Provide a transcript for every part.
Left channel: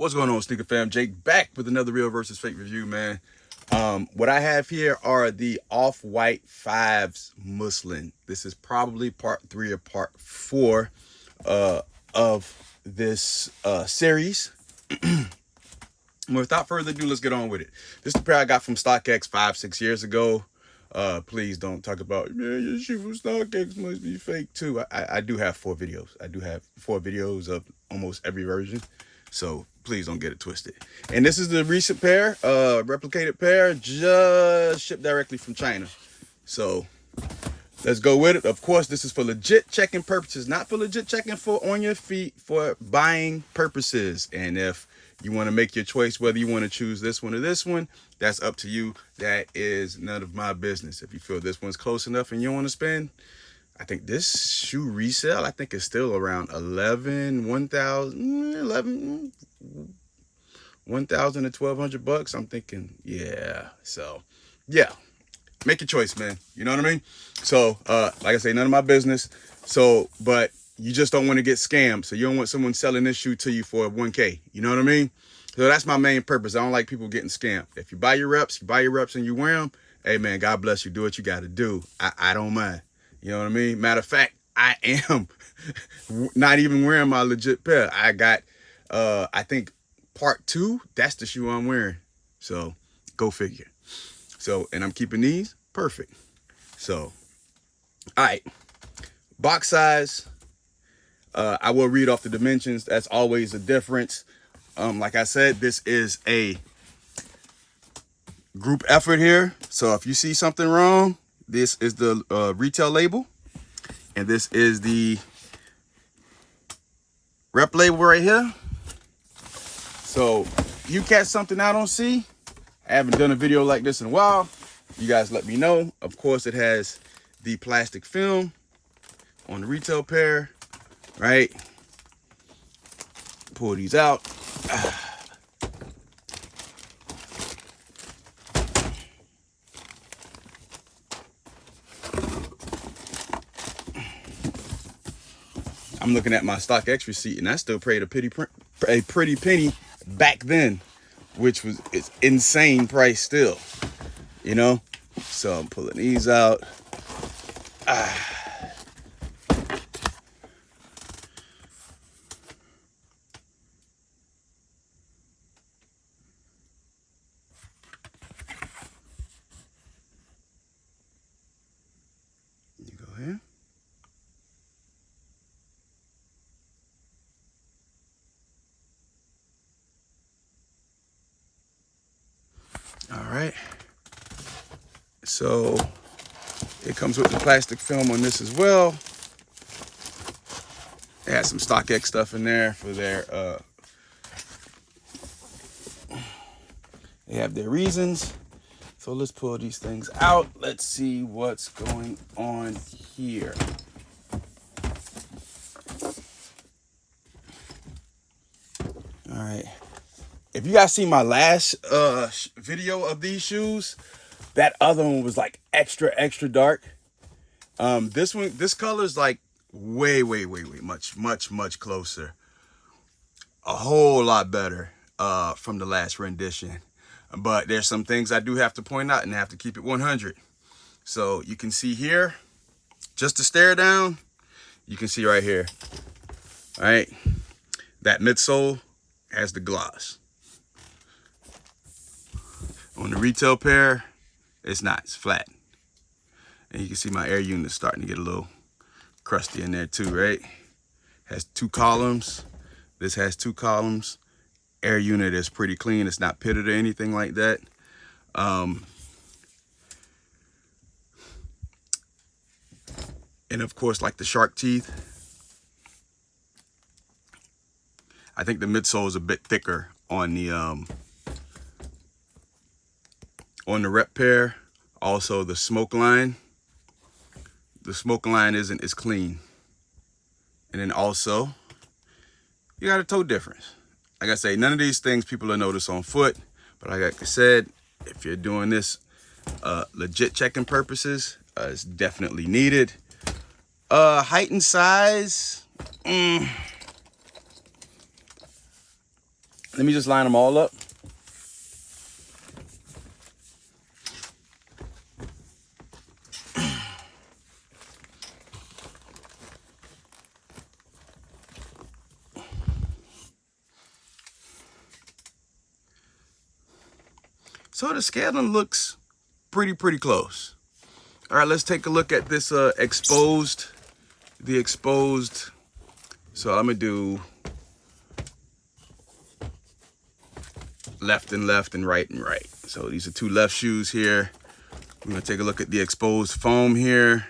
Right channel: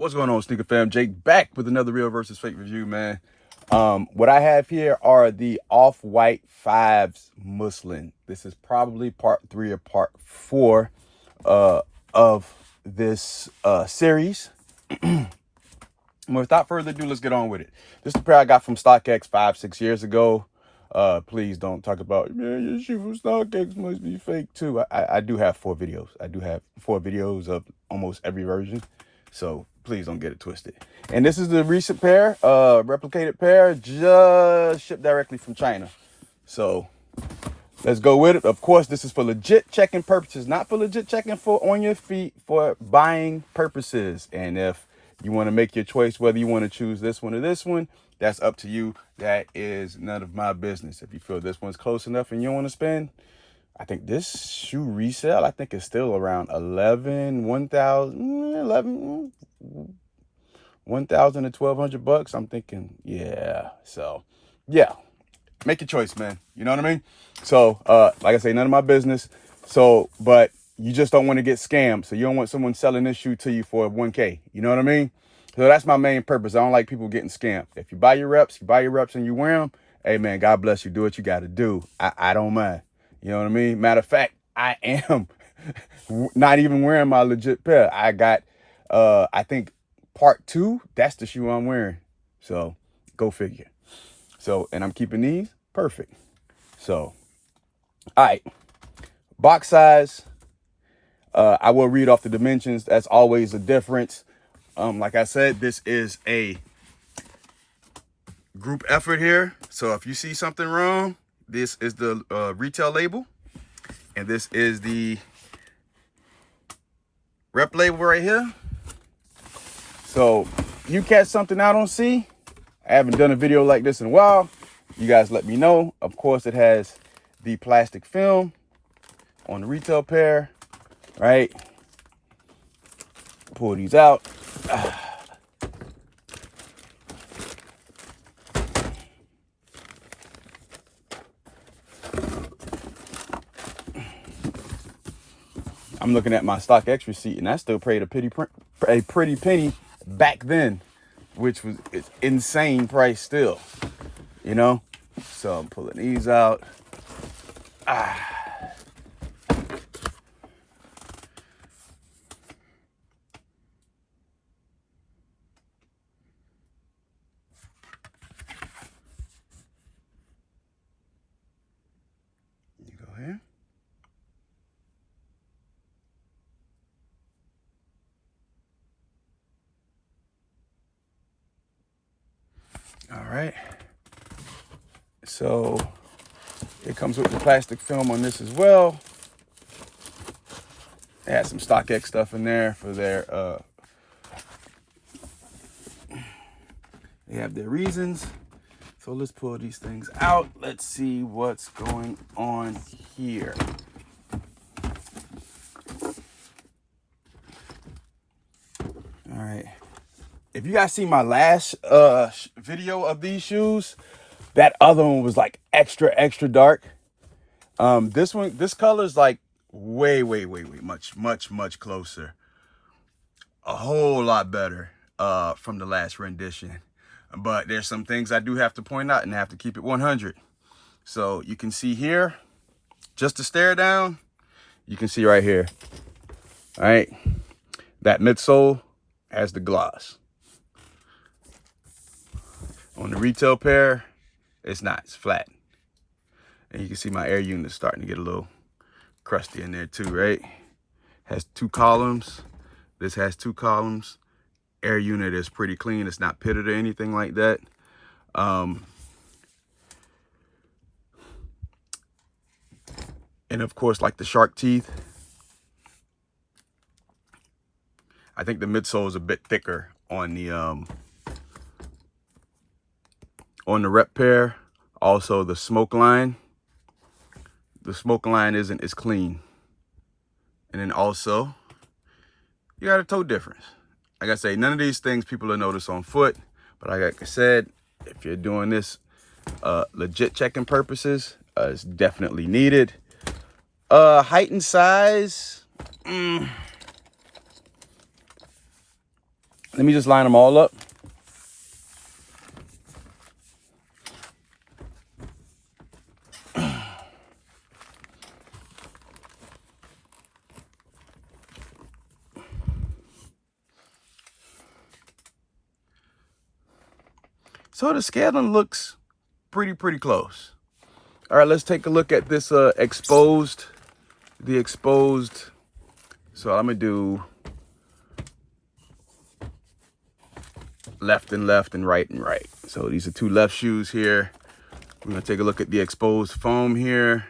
What's going on, Sneaker Fam? Jake back with another real versus fake review, man. What I have here are the Off White 5s Muslin. This is probably part 3 or part 4 of this series. Without further ado, let's get on with it. This is the pair I got from StockX 5-6 years ago. Please don't talk about, man, your shit from StockX must be fake too. I do have 4 videos. I do have 4 videos of almost every version. So please don't get it twisted. And this is the recent pair, replicated pair, just shipped directly from China. So let's go with it. Of course, this is for legit checking purposes, not for legit checking for on your feet, for buying purposes. And if you want to make your choice whether you want to choose this one or this one, that's up to you. That is none of my business. If you feel this one's close enough and you want to spend, I think this shoe resale, I think, is still around 1,000 to 1,200 bucks. I'm thinking, yeah. So, yeah, make your choice, man. You know what I mean? So, like I say, none of my business. So, but you just don't want to get scammed. So you don't want someone selling this shoe to you for 1K. You know what I mean? So that's my main purpose. I don't like people getting scammed. If you buy your reps, and you wear them, hey, man, God bless you. Do what you got to do. I don't mind. You know what I mean? Matter of fact, I am not even wearing my legit pair. I got, I think, part 2, that's the shoe I'm wearing. So go figure. So, and I'm keeping these perfect. So, all right. Box size. I will read off the dimensions. That's always a difference. Like I said, this is a group effort here. So if you see something wrong, this is the retail label, and this is the rep label right here. So if you catch something I don't see, I haven't done a video like this in a while, you guys let me know. Of course, it has the plastic film on the retail pair, right? Pull these out. I'm looking at my StockX receipt, and I still paid a pretty penny back then, which was it's insane price still, you know. So I'm pulling these out. You go here. All right, so it comes with the plastic film on this as well. It has some StockX stuff in there for their, they have their reasons. So let's pull these things out. Let's see what's going on here. All right. If you guys see my last video of these shoes, that other one was like extra dark. This color is like way much closer. A whole lot better from the last rendition. But there's some things I do have to point out and I have to keep it 100. So you can see here, just to stare down, you can see right here, all right? That midsole has the gloss. On the retail pair, it's not, it's flat. And you can see my air unit starting to get a little crusty in there too, right? Has 2 columns. This has 2 columns. Air unit is pretty clean. It's not pitted or anything like that. And of course, like the shark teeth, I think the midsole is a bit thicker on the rep pair. Also the smoke line isn't as clean. And then also you got a toe difference. Like I say, none of these things people will notice on foot, but like I said, if you're doing this legit checking purposes, it's definitely needed. Height and size, Let me just line them all up. So the scaling looks pretty close. All right, let's take a look at this exposed. So I'm gonna do left and left and right and right. So these are 2 left shoes here. We're gonna take a look at the exposed foam here.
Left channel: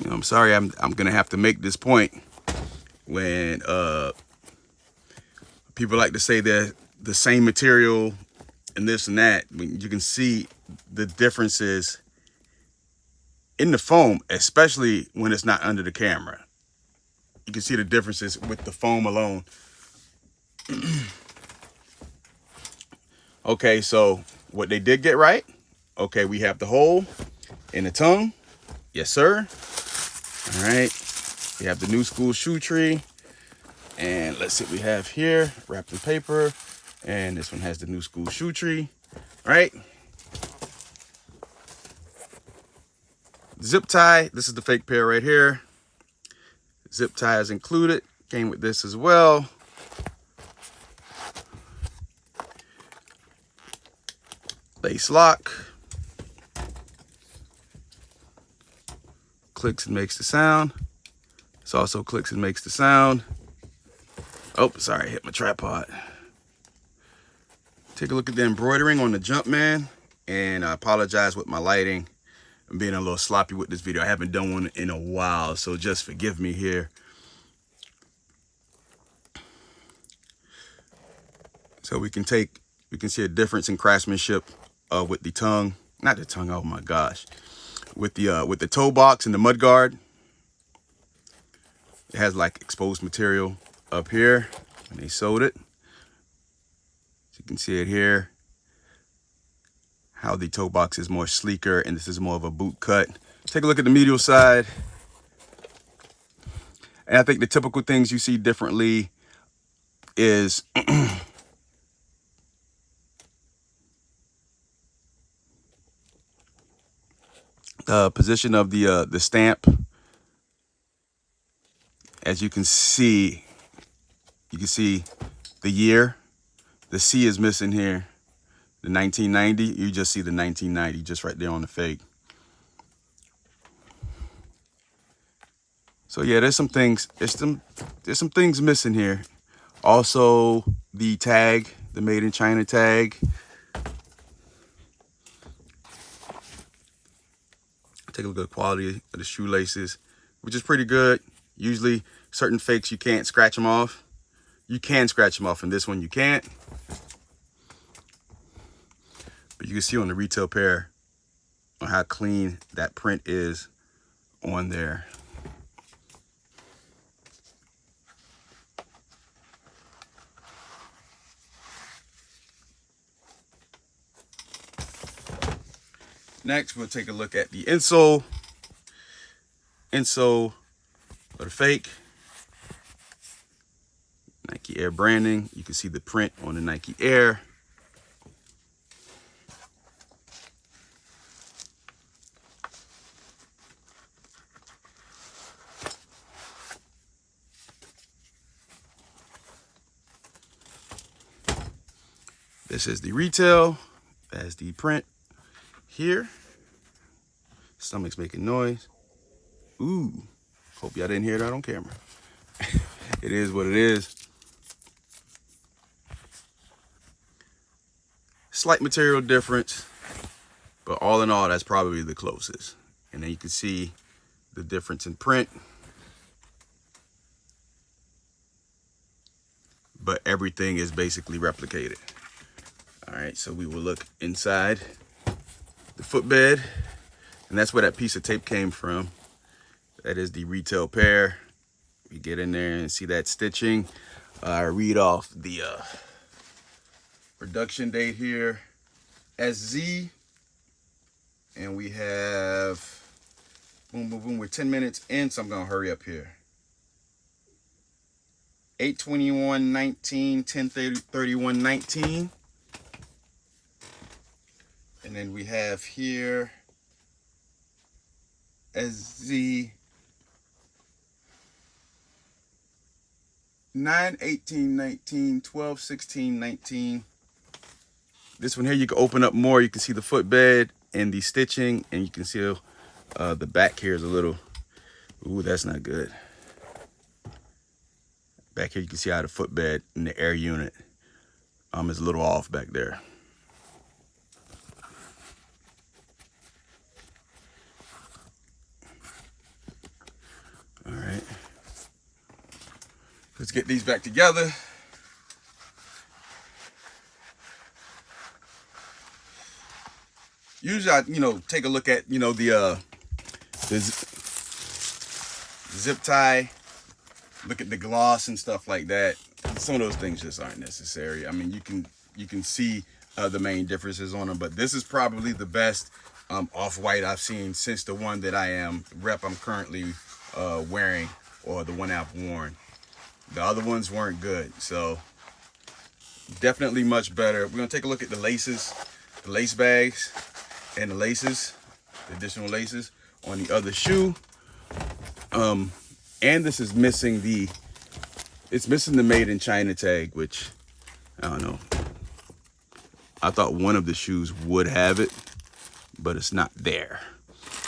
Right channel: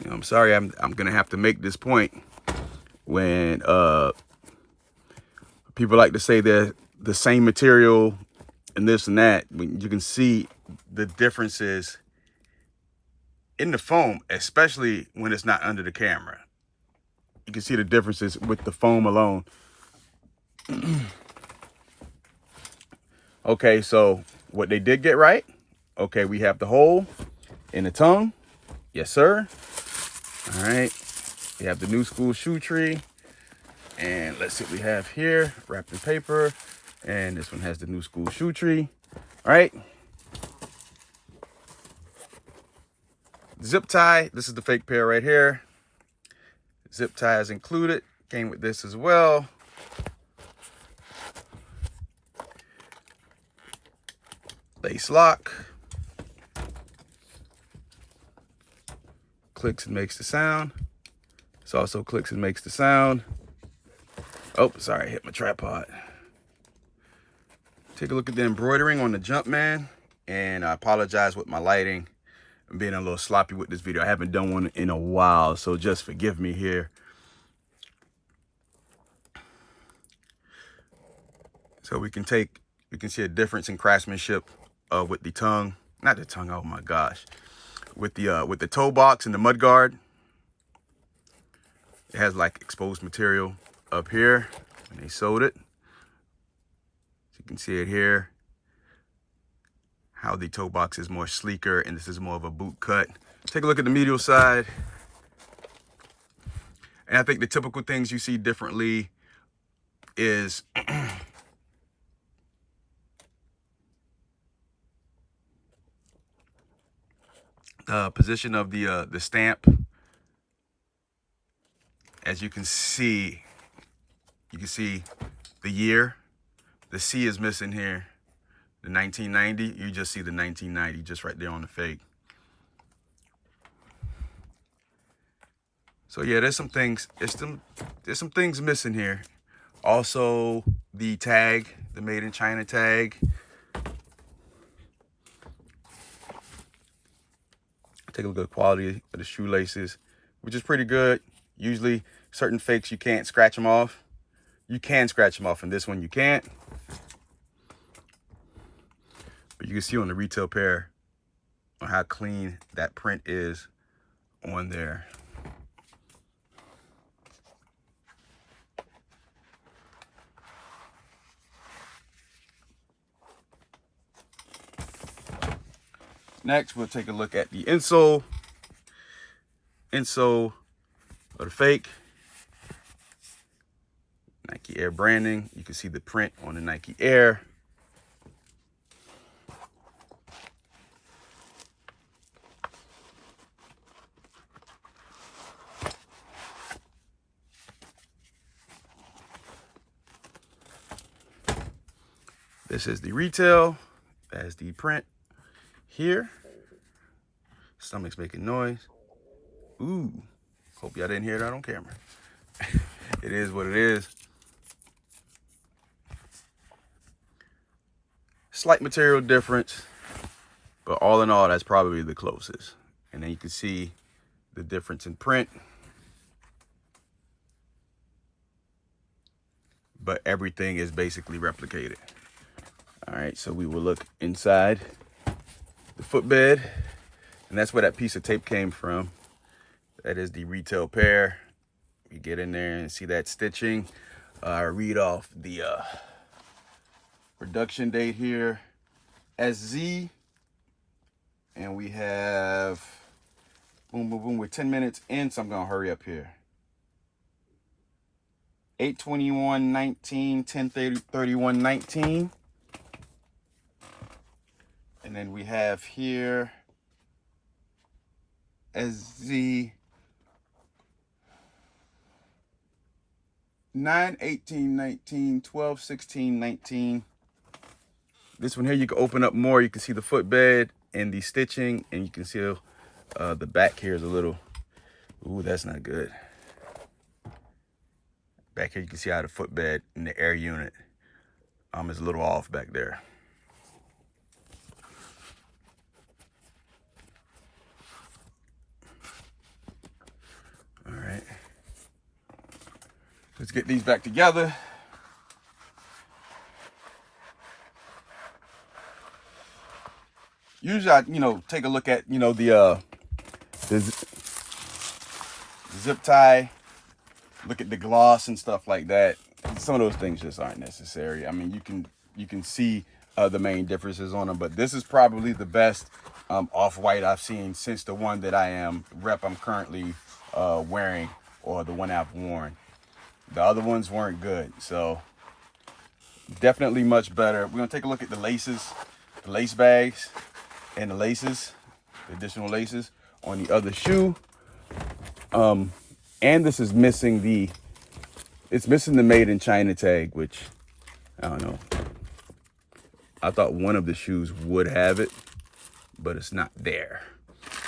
You know, I'm sorry, I'm gonna have to make this point when people like to say they're the same material and this and that. When you can see the differences in the foam, especially when it's not under the camera. You can see the differences with the foam alone. Okay, so what they did get right. Okay, we have the hole in the tongue. Yes, sir. All right. We have the new school shoe tree. And let's see what we have here. Wrapped in paper. And this one has the new school shoe tree. All right. Zip tie. This is the fake pair right here. Zip tie is included. Came with this as well. Lace lock. Clicks and makes the sound. This also clicks and makes the sound. Oh, sorry, I hit my tripod. Take a look at the embroidering on the Jumpman. And I apologize with my lighting. I'm being a little sloppy with this video. I haven't done one in a while, so just forgive me here. So we can see a difference in craftsmanship with the tongue, not the tongue, oh my gosh. With the toe box and the mud guard. It has like exposed material up here when they sewed it. So you can see it here. How the toe box is more sleeker and this is more of a boot cut. Take a look at the medial side. And I think the typical things you see differently is position of the stamp. As you can see the year. The C is missing here. The 1990, you just see the 1990 just right there on the fake. So yeah, there's some things missing here. Also the tag, the made in China tag. Take a look at the quality of the shoelaces, which is pretty good. Usually certain fakes, you can't scratch them off. You can scratch them off, and this one you can't. But you can see on the retail pair on how clean that print is on there. Next, we'll take a look at the insole. Insole of the fake. Nike Air branding. You can see the print on the Nike Air. This is the retail, as the print here. Stomach's making noise. Ooh, hope y'all didn't hear that on camera. It is what it is. Slight material difference, but all in all, that's probably the closest. And then you can see the difference in print. But everything is basically replicated. All right, so we will look inside the footbed, and that's where that piece of tape came from. That is the retail pair. You get in there and see that stitching. Read off the production date here, SZ, and we have Boom, boom, boom. We're 10 minutes in, so I'm going to hurry up here. 8:21:19, 10:31:19. And then we have here SZ 9:18:19, 12:16:19. This one here, you can open up more. You can see the footbed and the stitching, and you can see the back here is a little, ooh, that's not good. Back here, you can see how the footbed and the air unit is a little off back there. All right. Let's get these back together. Usually, I, take a look at, the zip tie, look at the gloss and stuff like that. Some of those things just aren't necessary. I mean, you can see the main differences on them, but this is probably the best off-white I've seen since the one that I'm currently wearing, or the one I've worn. The other ones weren't good, so definitely much better. We're gonna take a look at the laces, the lace bags, and the laces, the additional laces on the other shoe. And this is missing it's missing the made in China tag, which I don't know. I thought one of the shoes would have it, but it's not there.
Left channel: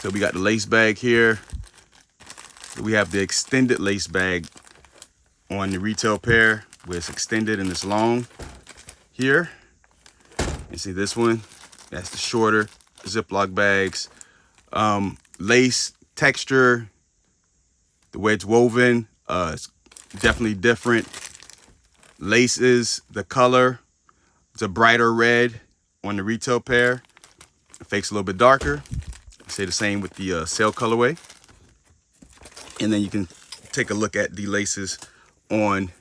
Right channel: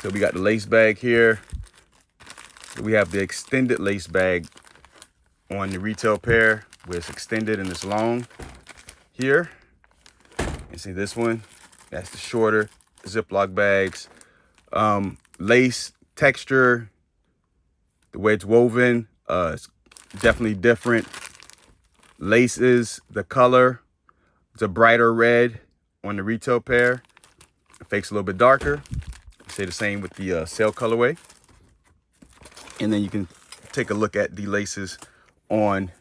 So we got the lace bag here. We have the extended lace bag on the retail pair, where it's extended and it's long here. You see this one? That's the shorter Ziploc bags. Lace texture, the way it's woven, it's definitely different. Laces, the color, it's a brighter red on the retail pair. The fake's a little bit darker. Say the same with the sale colorway. And then you can take a look at the laces on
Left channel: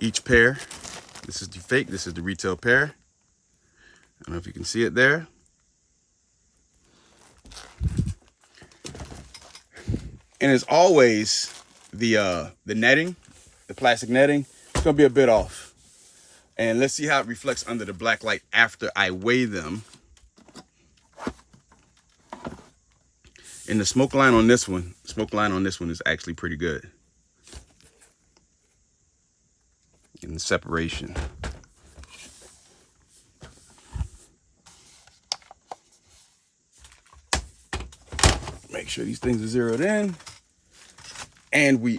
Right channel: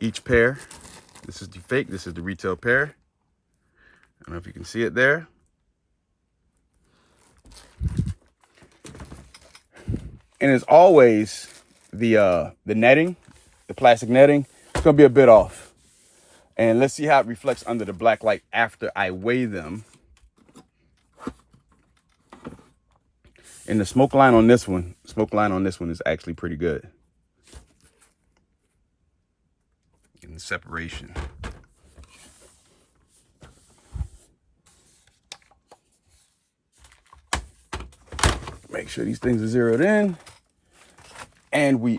each pair. This is the fake, this is the retail pair. I don't know if you can see it there. And as always, the netting, the plastic netting, it's gonna be a bit off. And let's see how it reflects under the black light after I weigh them. And the smoke line on this one is actually pretty good. In the separation. Make sure these things are zeroed in. And we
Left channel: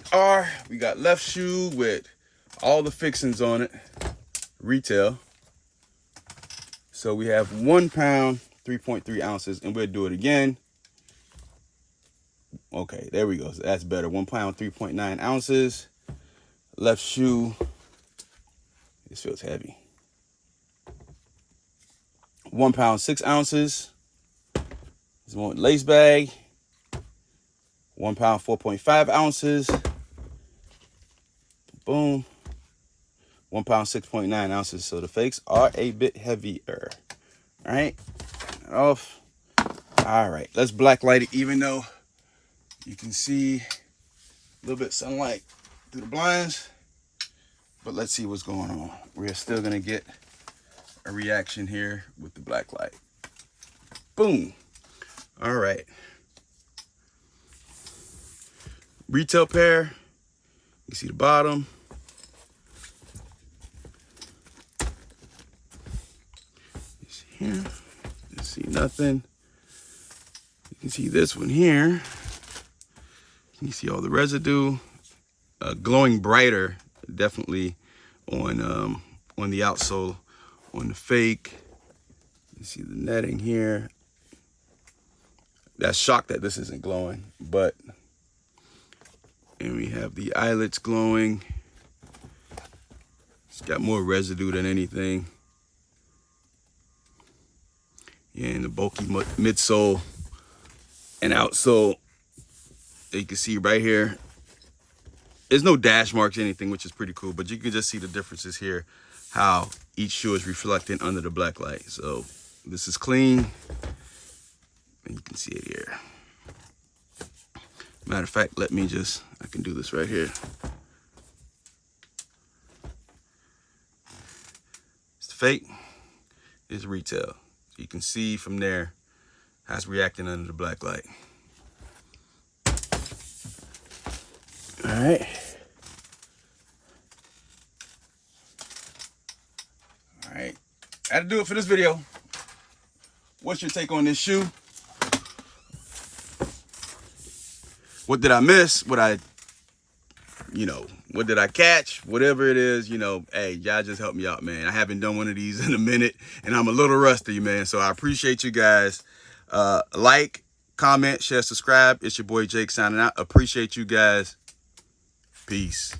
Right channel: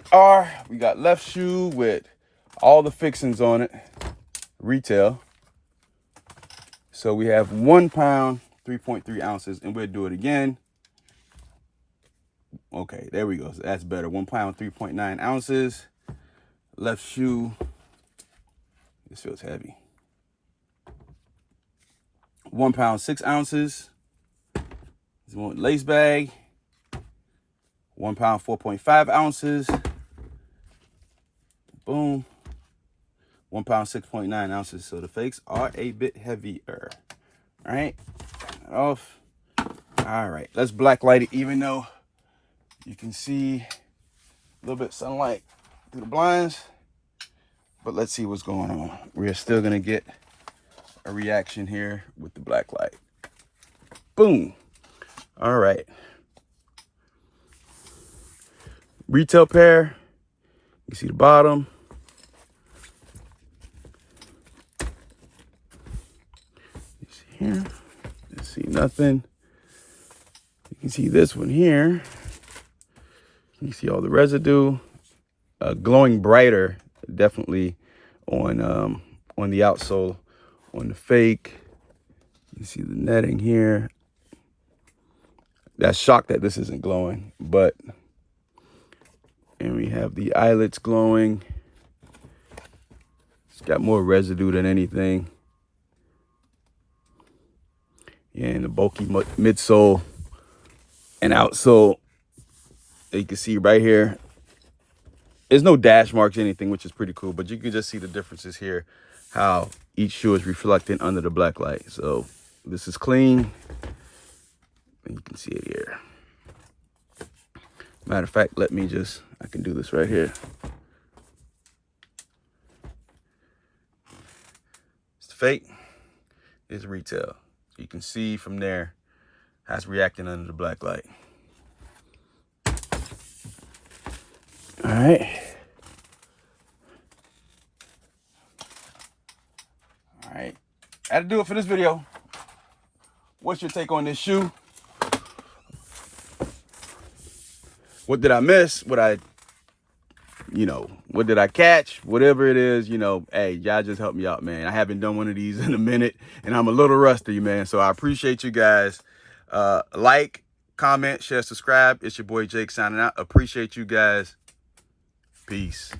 got left shoe with all the fixings on it, retail. So we have 1 pound, 3.3 ounces, and we'll do it again. Okay, there we go. So that's better. 1 pound, 3.9 ounces. Left shoe. This feels heavy. 1 pound, 6 ounces. This one with lace bag. 1 pound, 4.5 ounces. Boom. 1 pound, 6.9 ounces. So the fakes are a bit heavier. All right. Off. All right. Let's black light it, even though you can see a little bit of sunlight through the blinds. But let's see what's going on. We're still going to get a reaction here with the black light. Boom. All right. Retail pair. You see the bottom. Here. You see nothing. You can see this one here. You see all the residue. Glowing brighter, definitely on the outsole, on the fake. You see the netting here. That's shocked that this isn't glowing, but, and we have the eyelets glowing. It's got more residue than anything. And the bulky midsole and outsole, you can see right here. There's no dash marks or anything, which is pretty cool, but you can just see the differences here, how each shoe is reflecting under the black light. So this is clean. And you can see it here. Matter of fact, I can do this right here. It's fake, it's retail. So you can see from there how it's reacting under the black light. All right. All right. That'll do it for this video. What's your take on this shoe? What did I miss? What did I catch? Whatever it is, hey, y'all just help me out, man. I haven't done one of these in a minute, and I'm a little rusty, man. So I appreciate you guys. Like, comment, share, subscribe. It's your boy Jake signing out. Appreciate you guys. Peace.